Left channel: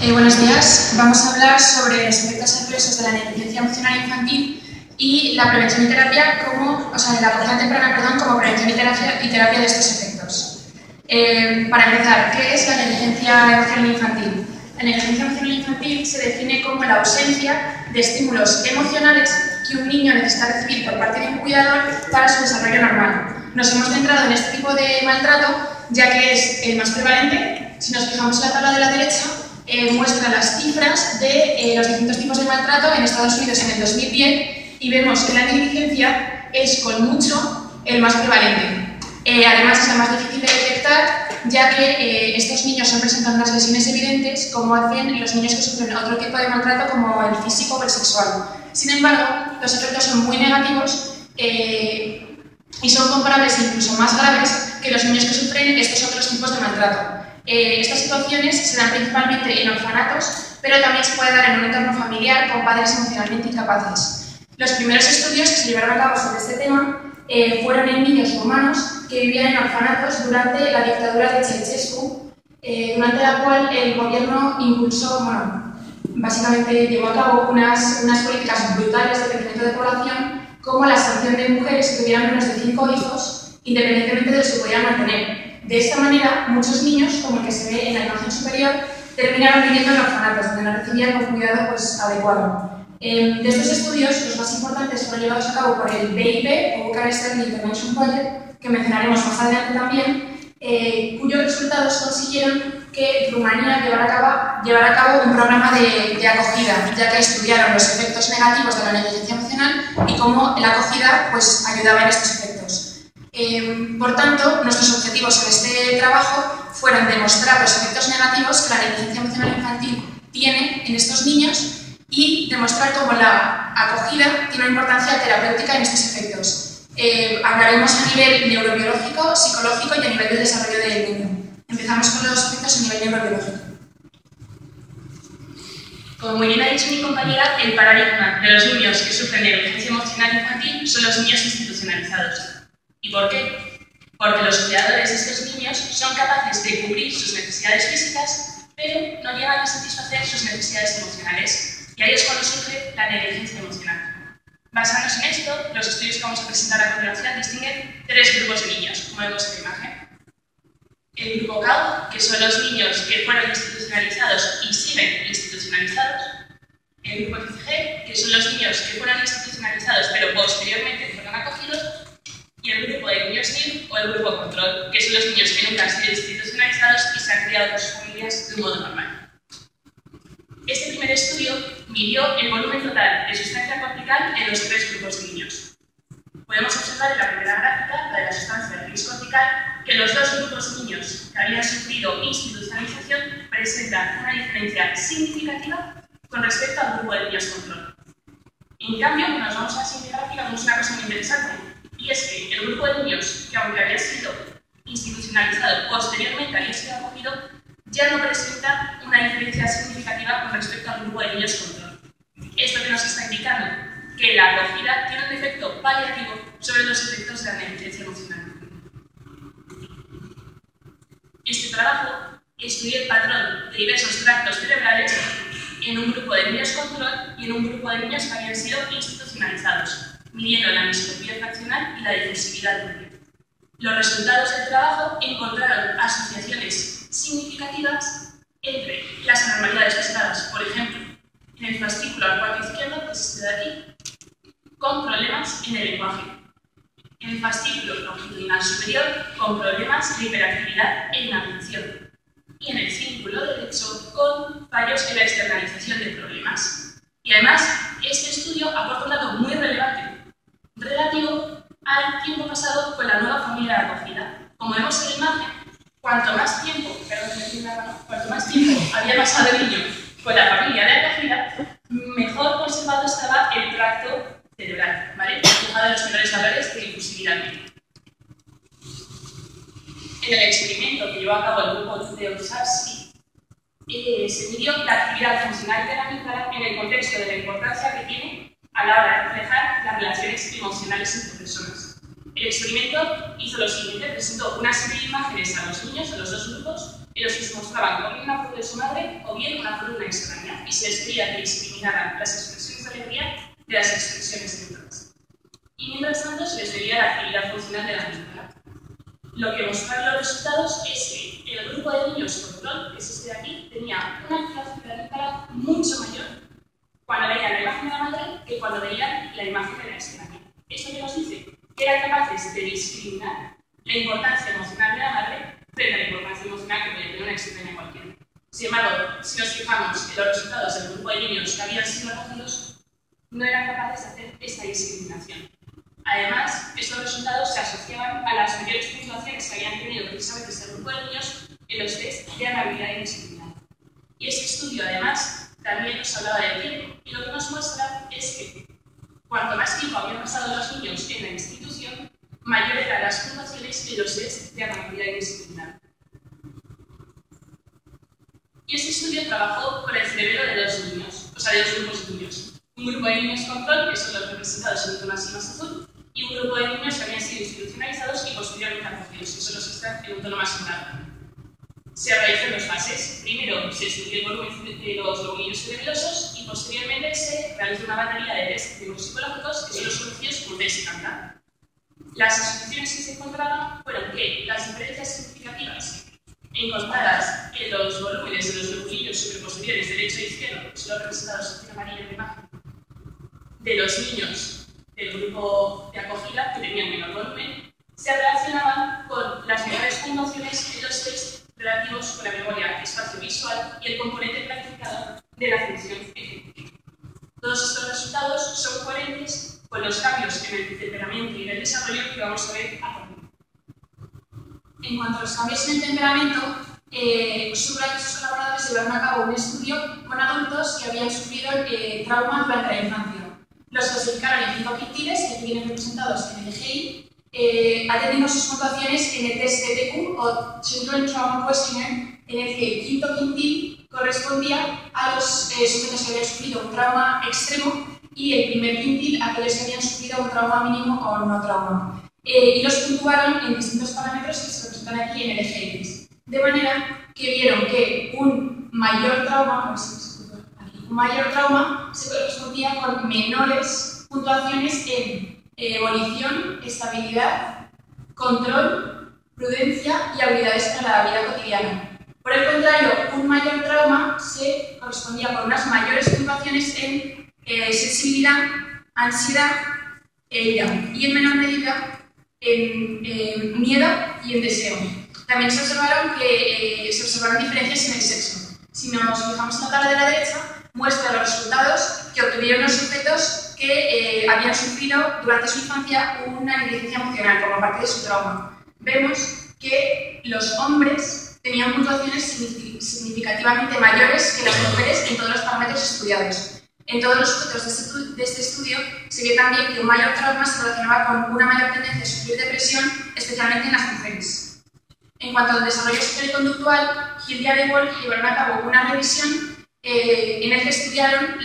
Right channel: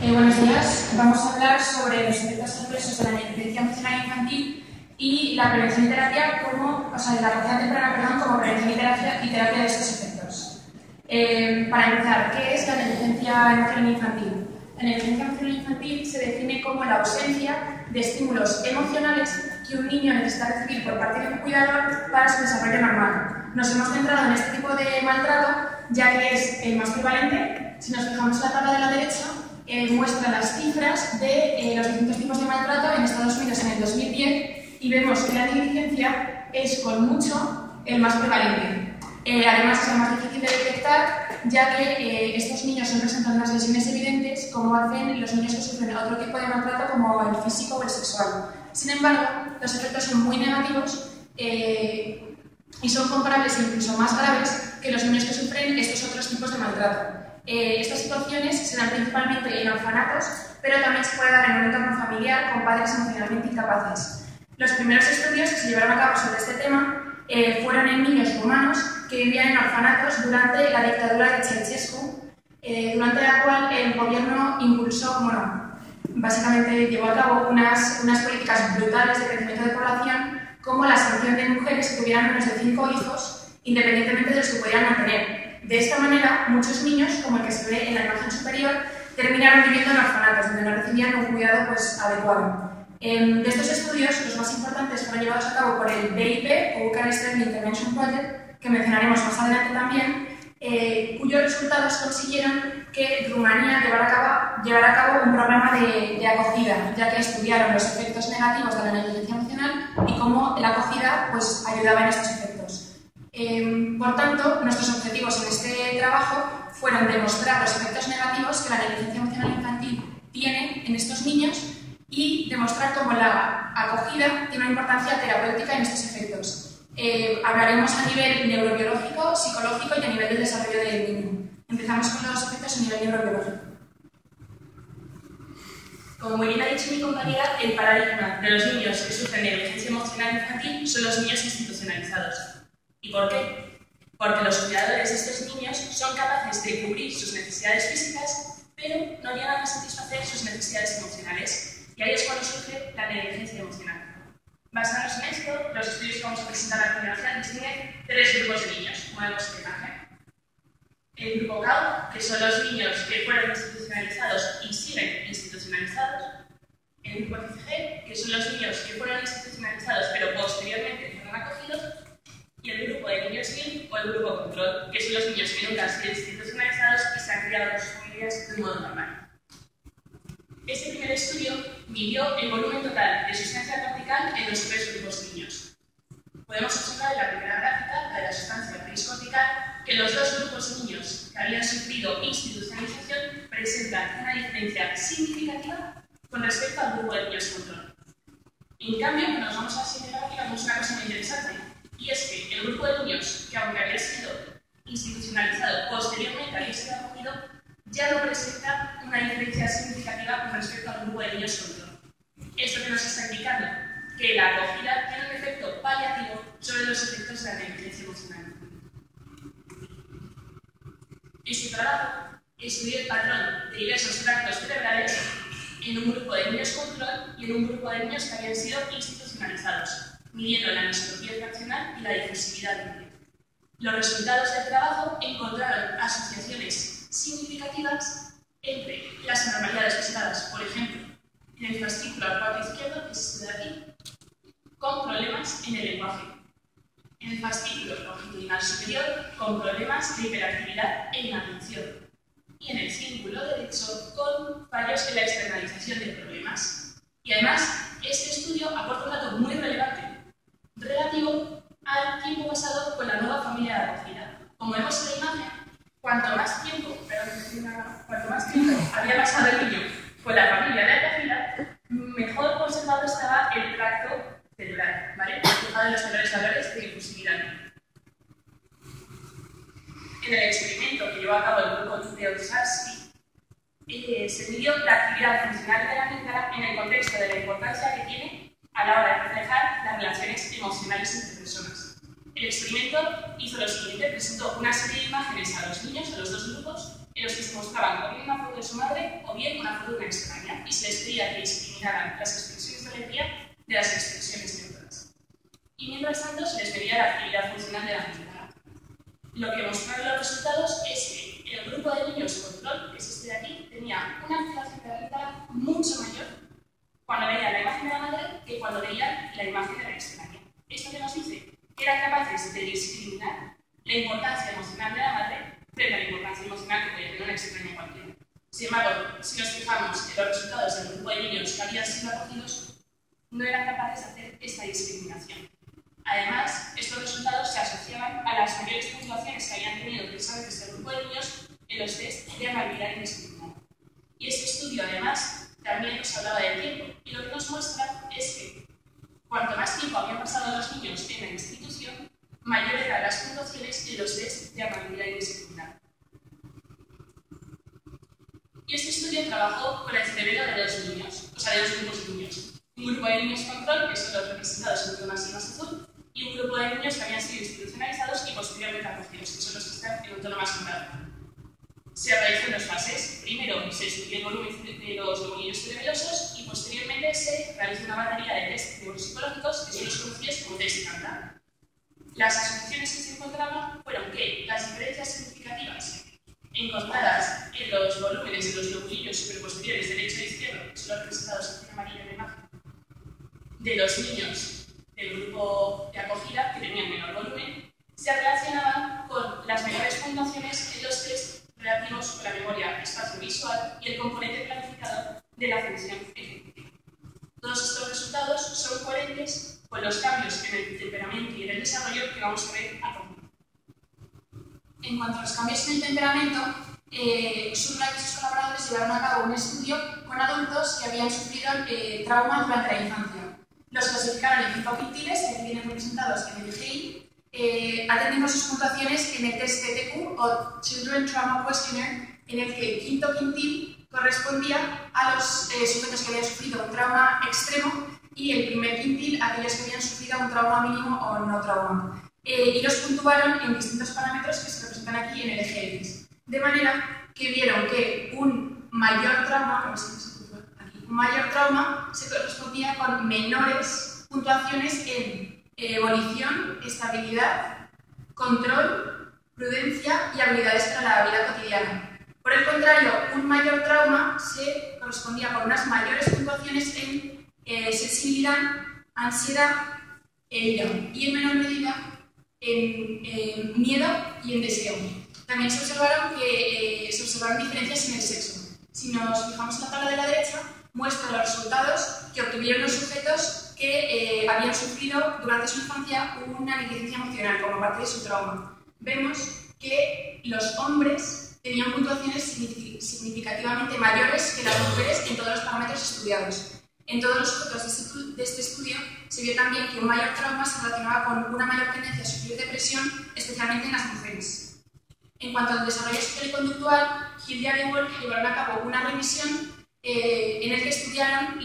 Buenos días. Vamos a hablar sobre los efectos adversos de la negligencia emocional infantil y la prevención y terapia como, la acogida temprana, como prevención y terapia de estos efectos. Para empezar, ¿qué es la negligencia emocional infantil? La negligencia emocional infantil se define como la ausencia de estímulos emocionales que un niño necesita recibir por parte de un cuidador para su desarrollo normal. Nos hemos centrado en este tipo de maltrato, ya que es el más prevalente. Si nos fijamos en la tabla de la derecha, muestra las cifras de los distintos tipos de maltrato en Estados Unidos en el 2010 y vemos que la negligencia es con mucho el más prevalente. Además es la más difícil de detectar, ya que estos niños no presentan unas lesiones evidentes como hacen los niños que sufren otro tipo de maltrato como el físico o el sexual. Sin embargo, los efectos son muy negativos y son comparables e incluso más graves que los niños que sufren estos otros tipos de maltrato. Estas situaciones se dan principalmente en orfanatos, pero también se puede dar en un entorno familiar con padres emocionalmente incapaces. Los primeros estudios que se llevaron a cabo sobre este tema fueron en niños rumanos que vivían en orfanatos durante la dictadura de Ceausescu, durante la cual el gobierno impulsó, básicamente llevó a cabo unas políticas brutales de crecimiento de población, como la sanción de mujeres que tuvieran menos de 5 hijos, independientemente de los que pudieran mantener. De esta manera, muchos niños, como el que se ve en la imagen superior, terminaron viviendo en orfanatos, donde no recibían un cuidado adecuado. De estos estudios, los más importantes fueron llevados a cabo por el BIP, o Bucharest Early Intervention Project, que mencionaremos más adelante también, cuyos resultados consiguieron que Rumanía llevara a cabo un programa de acogida, ya que estudiaron los efectos negativos de la negligencia emocional y cómo la acogida ayudaba en estos efectos. Por tanto, nuestros objetivos en este trabajo fueron demostrar los efectos negativos que la negligencia emocional infantil tiene en estos niños y demostrar cómo la acogida tiene una importancia terapéutica en estos efectos. Hablaremos a nivel neurobiológico, psicológico y a nivel del desarrollo del niño. Empezamos con los efectos a nivel neurobiológico. Como muy bien ha dicho mi compañera, el paradigma de los niños que sufren negligencia emocional infantil son los niños institucionalizados. ¿Y por qué? Porque los cuidadores de estos niños son capaces de cubrir sus necesidades físicas, pero no llegan a satisfacer sus necesidades emocionales. Y ahí es cuando surge la negligencia emocional. Basándose en esto, los estudios que vamos a presentar a continuación distinguen 3 grupos de niños, como vemos en la imagen. El grupo CAU, que son los niños que fueron institucionalizados y siguen institucionalizados. El grupo FCG, que son los niños que fueron institucionalizados pero posteriormente fueron acogidos. Y el grupo de niños NIR o el grupo control, que son los niños que nunca han sido institucionalizados y se han criado con sus familias de un modo normal. Este primer estudio midió el volumen total de sustancia cortical en los 3 grupos de niños. Podemos observar en la primera gráfica, la de la sustancia gris cortical, que los 2 grupos de niños que habían sufrido institucionalización presentan una diferencia significativa con respecto al grupo de niños control. En cambio, cuando nos vamos a la siguiente gráfica, vemos una cosa muy interesante. Y es que el grupo de niños que, aunque había sido institucionalizado, posteriormente había sido acogido, ya no presenta una diferencia significativa con respecto al grupo de niños control. ¿Esto que nos está indicando? Que la acogida tiene un efecto paliativo sobre los efectos de la negligencia emocional. Este trabajo estudió el patrón de diversos tractos cerebrales en un grupo de niños control y en un grupo de niños que habían sido institucionalizados, midiendo la anisotropía fraccional y la difusividad libre. Los resultados del trabajo encontraron asociaciones significativas entre las anormalidades observadas, por ejemplo, en el fascículo al cuarto izquierdo, que es este de aquí, con problemas en el lenguaje. En el fascículo longitudinal superior, con problemas de hiperactividad en la atención. Y en el círculo derecho, con fallos en la externalización de problemas. Y además, este estudio aporta un dato muy relevante relativo al tiempo pasado con la nueva familia de acogida. Como vemos en la imagen, cuanto más tiempo había pasado el niño con la familia de acogida, mejor conservado estaba el tracto cerebral, ¿vale? Fijado en los menores valores de difusividad libre. En el experimento que llevó a cabo el grupo de Olszewski, se midió la actividad funcional de la amígdala en el contexto de la importancia que tiene a la hora de reflejar las relaciones emocionales entre personas. el experimento hizo lo siguiente: presentó una serie de imágenes a los niños, a los dos grupos, en los que se mostraban o bien una foto de su madre o bien una foto de una extraña, y se les pedía que discriminaran las expresiones de alegría de las expresiones neutras. Y mientras tanto se les medía la actividad funcional de la amígdala. Lo que mostraron los resultados es que el grupo de niños control, que es este de aquí, tenía una activación de la amígdala mucho mayor cuando veían la imagen de la madre que cuando veían la imagen de la extraña. ¿Esto qué nos dice? Que eran capaces de discriminar la importancia emocional de la madre frente a la importancia emocional que podía tener una extraña cualquiera. Sin embargo, si nos fijamos en los resultados del grupo de niños que habían sido acogidos, no eran capaces de hacer esta discriminación. Además, estos resultados se asociaban a las mayores puntuaciones que habían tenido precisamente este grupo de niños en los test de amabilidad indiscriminada. Y este estudio, además, también nos hablaba del tiempo, y lo que nos muestra es que cuanto más tiempo habían pasado los niños en la institución, mayores eran las puntuaciones en los test de amabilidad indiscriminada. Y este estudio trabajó con el cerebro de dos niños, o sea, de dos grupos de niños. Un grupo de niños control, que son los representados en un tono así más azul, y un grupo de niños que habían sido institucionalizados y posteriormente acogidos, que son los que están en un tono más morado. Se realizan dos fases. Primero se estudia el volumen de los lobulillos cerebelosos y posteriormente se realiza una batería de test neuropsicológicos que son los conocidos como test de Cantar. Las asociaciones que se encontraban fueron que las diferencias significativas encontradas en los volúmenes de los lobulillos superposteriores derecho e izquierdo, que son representados en amarillo en la imagen, de los niños del grupo de acogida, que tenían menor volumen, se relacionaban con las menores puntuaciones en los test relativos con la memoria espacio-visual y el componente planificador de la función ejecutiva. Todos estos resultados son coherentes con los cambios en el temperamento y en el desarrollo que vamos a ver a continuación. En cuanto a los cambios en el temperamento, Subrayo y sus colaboradores llevaron a cabo un estudio con adultos que habían sufrido trauma durante la infancia. Los clasificaron en 5 quintiles, que vienen representados en el EGI, atendiendo sus puntuaciones en el test TTQ o Children Trauma Questionnaire, en el que el quinto quintil correspondía a los sujetos que habían sufrido un trauma extremo y el primer quintil a aquellos que habían sufrido un trauma mínimo o no trauma. Y los puntuaron en distintos parámetros que se representan aquí en el EGI. De manera que vieron que un mayor trauma se correspondía con menores puntuaciones en evolución, estabilidad, control, prudencia y habilidades para la vida cotidiana. Por el contrario, un mayor trauma se correspondía con unas mayores puntuaciones en sensibilidad, ansiedad e ira, y en menor medida en miedo y en deseo. También se observaron diferencias en el sexo. Si nos fijamos en la tabla de la derecha, muestra los resultados que obtuvieron los sujetos que habían sufrido durante su infancia una negligencia emocional como parte de su trauma. Vemos que los hombres tenían puntuaciones significativamente mayores que las mujeres en todos los parámetros estudiados. En todos los sujetos de este estudio se vio también que un mayor trauma se relacionaba con una mayor tendencia a sufrir depresión, especialmente en las mujeres. En cuanto al desarrollo socioconductual, Hill y Arewolf llevaron a cabo una revisión en el que estudiaron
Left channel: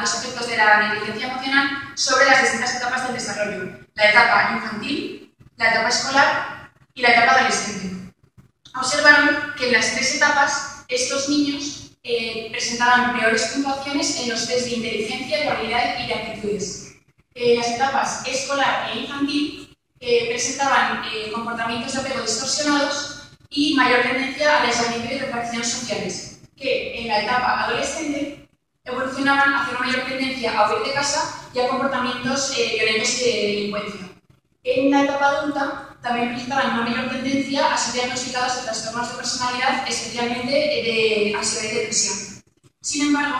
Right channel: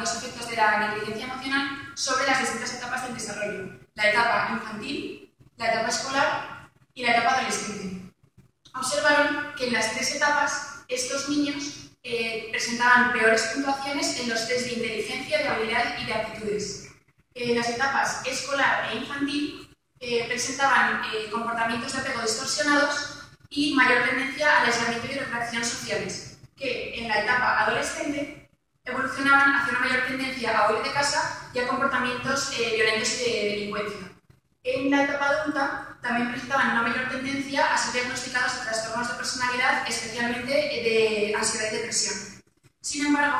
los efectos de la negligencia emocional sobre las distintas etapas del desarrollo: la etapa infantil, la etapa escolar y la etapa adolescente. Observaron que en las 3 etapas estos niños presentaban peores puntuaciones en los test de inteligencia, de habilidad y de aptitudes. Las etapas escolar e infantil presentaban comportamientos de apego distorsionados y mayor tendencia al aislamiento y retracción sociales, que en la etapa adolescente evolucionaban hacia una mayor tendencia a huir de casa y a comportamientos violentos y de delincuencia. En la etapa adulta también presentaban una mayor tendencia a ser diagnosticados de trastornos de personalidad, especialmente de ansiedad y depresión. Sin embargo,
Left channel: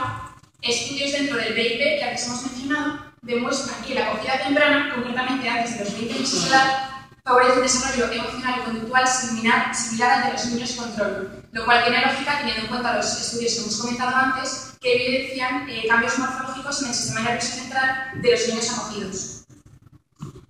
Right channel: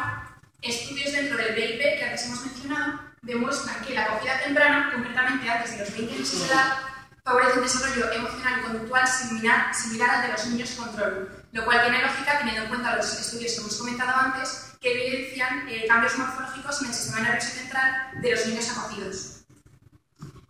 estudios dentro del BIP que antes hemos mencionado demuestran que la acogida temprana, concretamente antes de los 20 meses de edad, favorece un desarrollo emocional y conductual similar al de los niños control, lo cual tiene lógica teniendo en cuenta los estudios que hemos comentado antes que evidencian cambios morfológicos en el sistema nervioso central de los niños acogidos.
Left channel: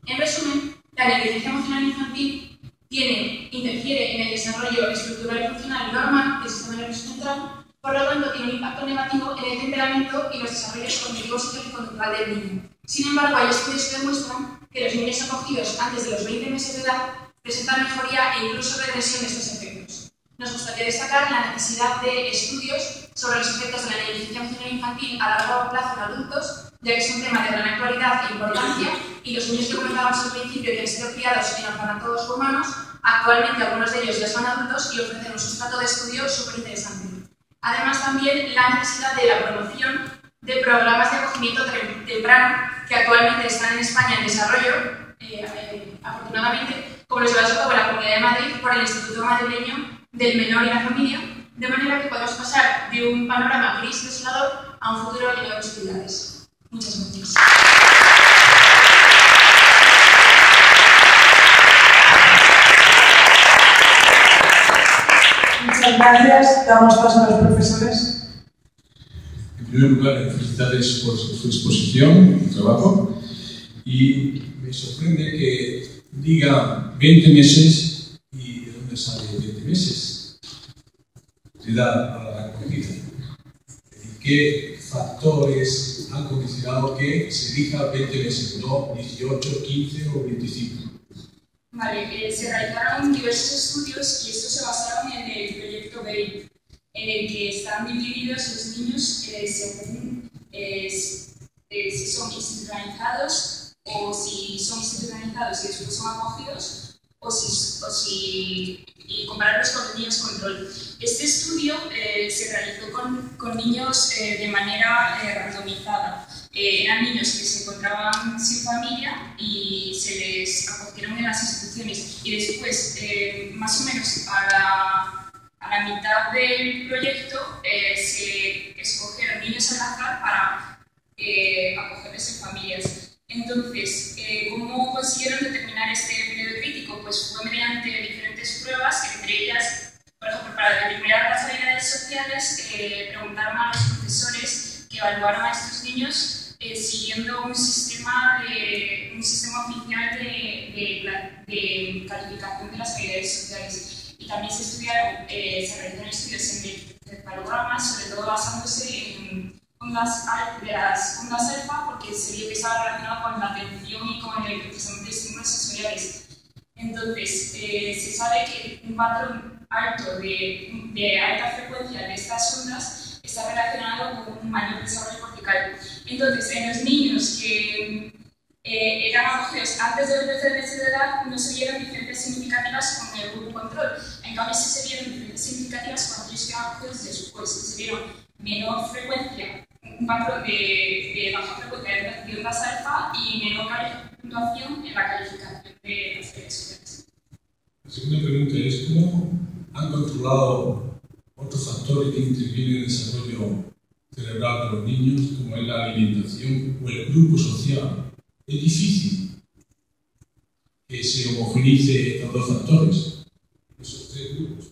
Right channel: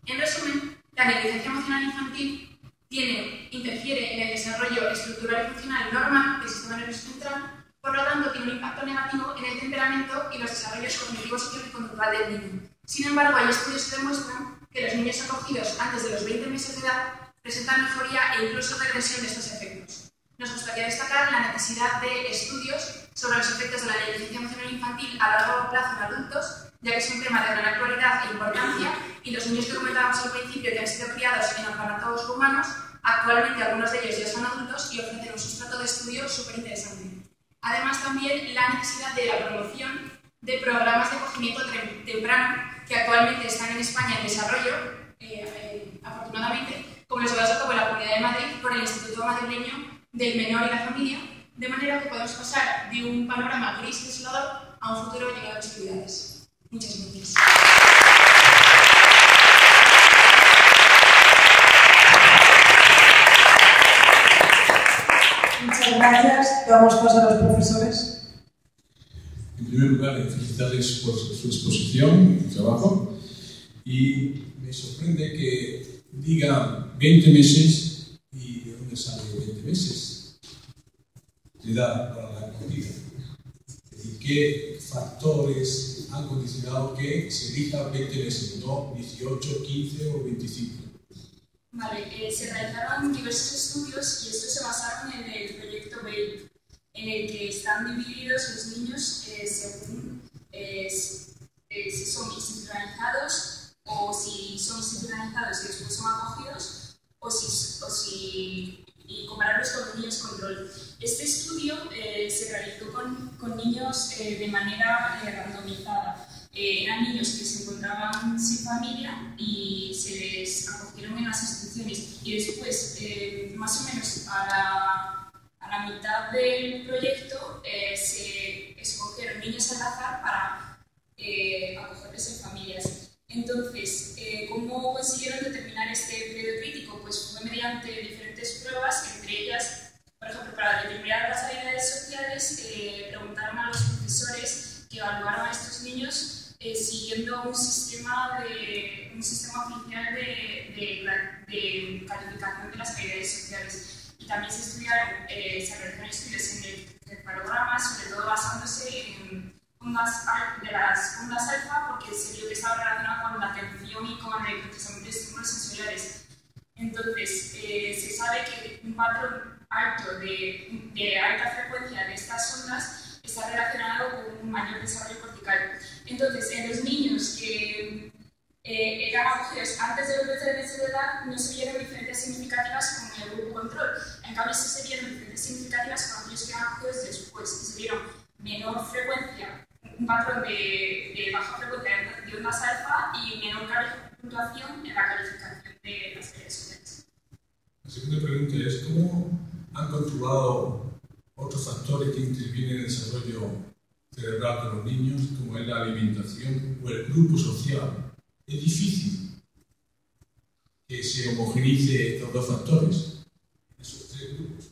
En resumen, la negligencia emocional infantil interfiere en el desarrollo estructural y funcional normal del sistema nervioso central, Por lo tanto, tiene un impacto negativo en el temperamento y los desarrollos cognitivos y conductual del niño. Sin embargo, hay estudios que demuestran que los niños acogidos antes de los 20 meses de edad presentan mejoría e incluso regresión de estos efectos. Nos gustaría destacar la necesidad de estudios sobre los efectos de la negligencia emocional infantil a largo plazo en adultos, ya que es un tema de gran actualidad e importancia, y los niños que comentábamos al principio que han sido criados en orfanatos humanos, actualmente algunos de ellos ya son adultos y ofrecen un sustrato de estudio súper interesante. Además, también la necesidad de la promoción de programas de acogimiento temprano que actualmente están en España en desarrollo, afortunadamente, como los llevados a cabo en la Comunidad de Madrid por el Instituto Madrileño del Menor y la Familia, de manera que podamos pasar de un panorama gris desolador a un futuro lleno de posibilidades. Muchas gracias. Muchas gracias. Damos paso a los profesores. En primer lugar, felicitarles por su exposición y trabajo. Y me sorprende que diga 20 meses y de dónde sale 20 meses de edad para la acogida. Es decir, ¿qué factores han condicionado que se elija 20 meses, no 18, 15 o 25? Vale, se realizaron diversos estudios y estos se basaron en el proyecto BABE, en el que están divididos los niños según si son institucionalizados o si son institucionalizados y después son acogidos y compararlos con los niños control. Este estudio se realizó con niños de manera randomizada. Eran niños que se encontraban sin familia y se les acogieron en las instituciones y después, más o menos a la mitad del proyecto, se escogieron niños al azar para acogerles en familias. Entonces, ¿cómo consiguieron determinar este periodo crítico? Pues fue mediante diferentes pruebas, que entre ellas, por ejemplo, para determinar las habilidades sociales, preguntaron a los profesores que evaluaron a estos niños siguiendo un sistema oficial de calificación de las habilidades sociales. Y también se realizaron estudios en encefalogramas, sobre todo basándose en ondas alfa, porque se vio que estaba relacionado con la atención y con el procesamiento de estímulos sensoriales. Entonces, se sabe que un patrón alto de alta frecuencia de estas ondas está relacionado con un mayor desarrollo cortical. Entonces, en los niños que eran acogidos antes de los 13 meses de edad, no se vieron diferencias significativas con el grupo control. En cambio, sí se vieron diferencias significativas con aquellos que eran acogidos después, que se vieron menor frecuencia, un patrón de baja frecuencia de ondas alfa y menor puntuación en la calificación de las habilidades sociales. La segunda pregunta es: ¿cómo han controlado otros factores que intervienen en el desarrollo cerebral de los niños, como es la alimentación o el grupo social? Es difícil que se homogeneice estos dos factores, esos tres grupos.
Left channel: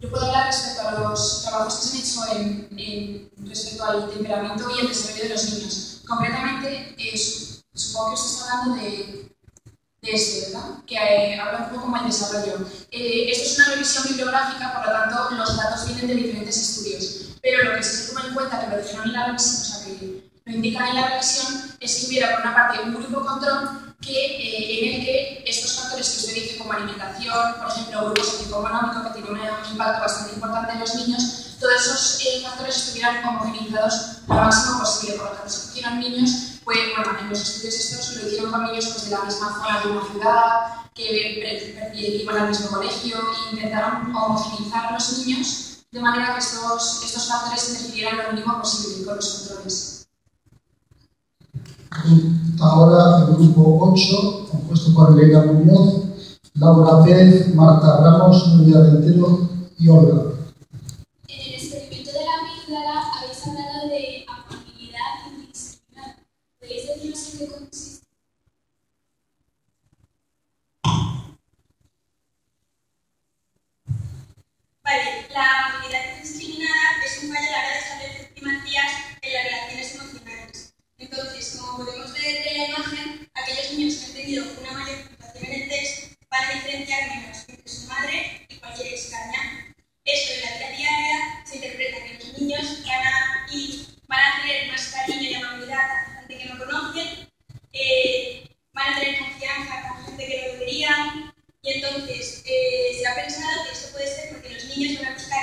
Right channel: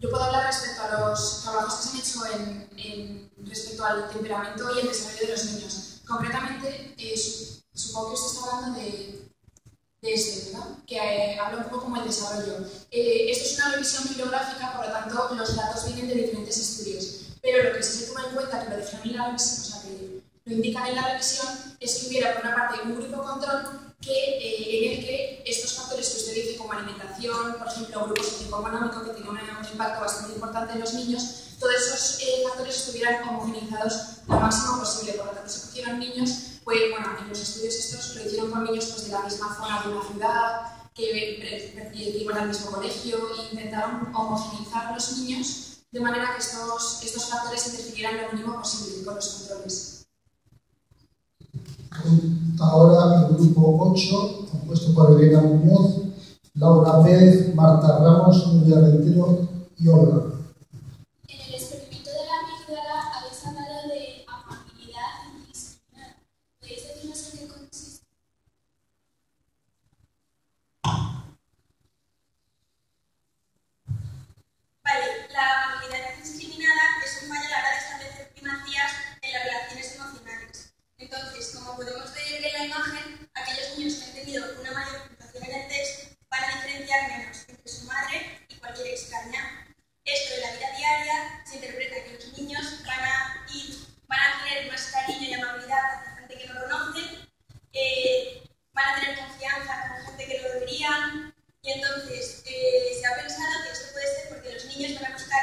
Yo puedo hablar respecto a los trabajos que se han hecho respecto al temperamento y el desarrollo de los niños. Concretamente, supongo que usted está hablando de ¿verdad? Que habla un poco como el desarrollo. Esto es una revisión bibliográfica, por lo tanto, los datos vienen de diferentes estudios. Pero lo que sí se toma en cuenta, que lo dijeron en la revisión, o sea, que lo indican en la revisión, es que hubiera, por una parte, un grupo control en el que estos factores que usted dice, como alimentación, por ejemplo, grupo socioeconómico, que tiene un impacto bastante importante en los niños, todos esos factores estuvieran homogenizados lo máximo posible. Por lo tanto, se cogieron niños, pues, bueno, en los estudios estos lo hicieron con niños pues, de la misma zona de una ciudad, que iban al mismo colegio, e intentaron homogeneizar a los niños de manera que estos factores interfirieran lo mínimo posible con los controles. Ahora el grupo 8, compuesto por Elena Muñoz, Laura Pérez, Marta Ramos, Nuria Rentero y Olga. En el experimento de la amígdala habéis hablado de amabilidad interdisciplinar. ¿Podéis decirnos en qué consiste? Vale, la amabilidad indiscriminada es un fallo a la hora de establecer primacías en las relaciones emocionales. Entonces, como podemos ver en la imagen, aquellos niños que han tenido una mayor puntuación en el test van a diferenciar menos entre su madre y cualquier extraña. Esto en la vida diaria se interpreta que los niños van a tener más cariño y amabilidad hacia gente que no conocen, van a tener confianza con gente que no deberían, y entonces se ha pensado que esto puede ser porque los niños van a buscar